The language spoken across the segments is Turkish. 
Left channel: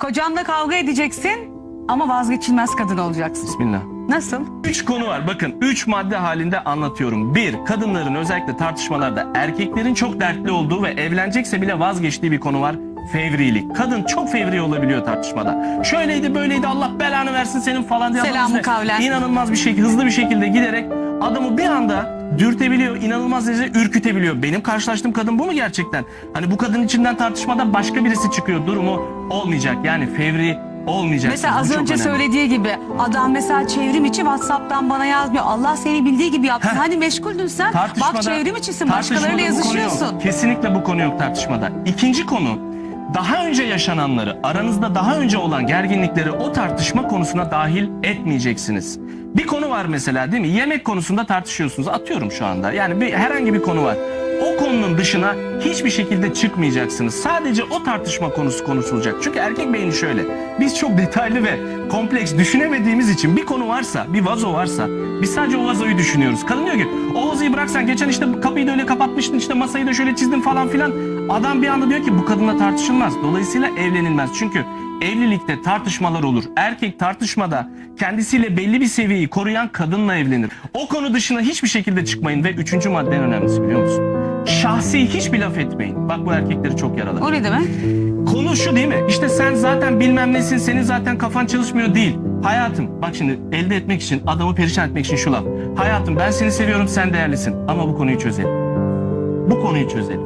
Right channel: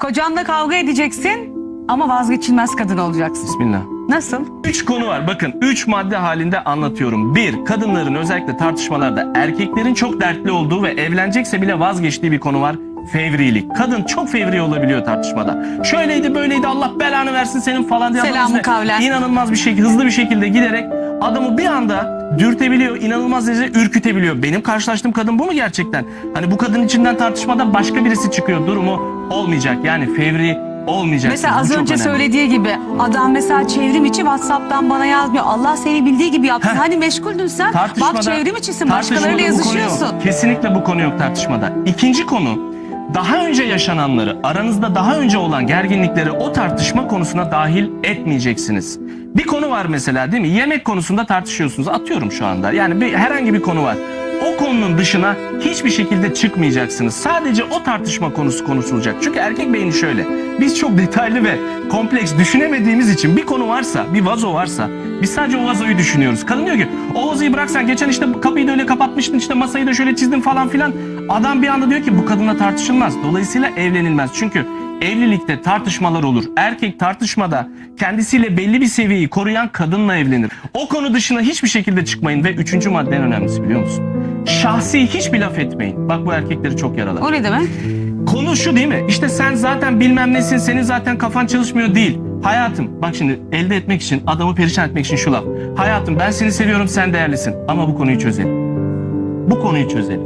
Kocanla kavga edeceksin ama vazgeçilmez kadın olacaksın. Bismillah. Nasıl? Üç konu var. Bakın üç madde halinde anlatıyorum. Bir, kadınların özellikle tartışmalarda erkeklerin çok dertli olduğu ve evlenecekse bile vazgeçtiği bir konu var. Fevrilik. Kadın çok fevri olabiliyor tartışmada. Şöyleydi böyleydi Allah belanı versin senin falan diye. Selamı kavlen. İnanılmaz bir şekilde hızlı bir şekilde giderek adamı bir anda dürtebiliyor, inanılmaz derecede ürkütebiliyor. Benim karşılaştığım kadın bu mu gerçekten? Hani bu kadın içinden tartışmada başka birisi çıkıyor durumu olmayacak. Yani fevri olmayacak. Mesela az önce önemli. söylediği gibi adam mesela çevrim içi WhatsApp'tan bana yazmıyor. Allah seni bildiği gibi. Heh. Hani meşguldün sen. Bak çevrim içisin başkalarıyla bu konu yazışıyorsun. yok. Kesinlikle bu konu yok tartışmada. İkinci konu daha önce yaşananları, aranızda daha önce olan gerginlikleri o tartışma konusuna dahil etmeyeceksiniz. Bir konu var mesela değil mi? Yemek konusunda tartışıyorsunuz. Atıyorum şu anda. Yani bir, herhangi bir konu var. O konunun dışına hiçbir şekilde çıkmayacaksınız. Sadece o tartışma konusu konuşulacak. Çünkü erkek beyni şöyle. Biz çok detaylı ve kompleks düşünemediğimiz için bir konu varsa, bir vazo varsa biz sadece o vazoyu düşünüyoruz. Kadın diyor ki o vazoyu bıraksan geçen işte kapıyı da öyle kapatmıştın işte masayı da şöyle çizdin falan filan. Adam bir anda diyor ki bu kadınla tartışılmaz. Dolayısıyla evlenilmez. Çünkü evlilikte tartışmalar olur. Erkek tartışmada kendisiyle belli bir seviyeyi koruyan kadınla evlenir. O konu dışına hiçbir şekilde çıkmayın ve üçüncü madde en önemlisi biliyor musun? Şahsi hiçbir laf etmeyin. Bak bu erkekleri çok yaralar. O ne demek? Konu şu değil mi? İşte sen zaten bilmem nesin, senin zaten kafan çalışmıyor değil. Hayatım, bak şimdi elde etmek için, adamı perişan etmek için şu laf. Hayatım ben seni seviyorum, sen değerlisin. Ama bu konuyu çözelim. Bu konuyu çözelim.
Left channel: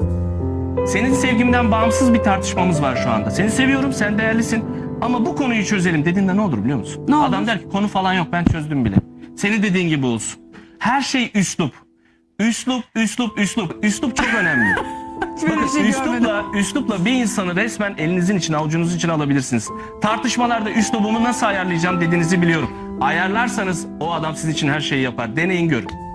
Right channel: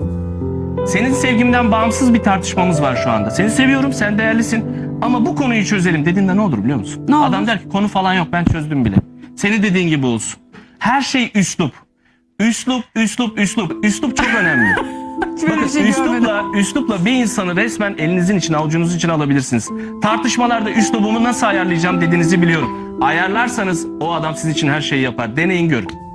Senin sevgimden bağımsız bir tartışmamız var şu anda. Seni seviyorum, sen değerlisin. Ama bu konuyu çözelim dediğinde ne olur biliyor musun? Ne olur? Adam der ki konu falan yok, ben çözdüm bile. Senin dediğin gibi olsun. Her şey üslup. Üslup, üslup, üslup. Üslup çok önemli. Bakın şey görmedim. üslupla, üslupla bir insanı resmen elinizin içine avucunuzun içine alabilirsiniz. Tartışmalarda üslubumu nasıl ayarlayacağım dediğinizi biliyorum. Ayarlarsanız o adam siz için her şeyi yapar. Deneyin görün.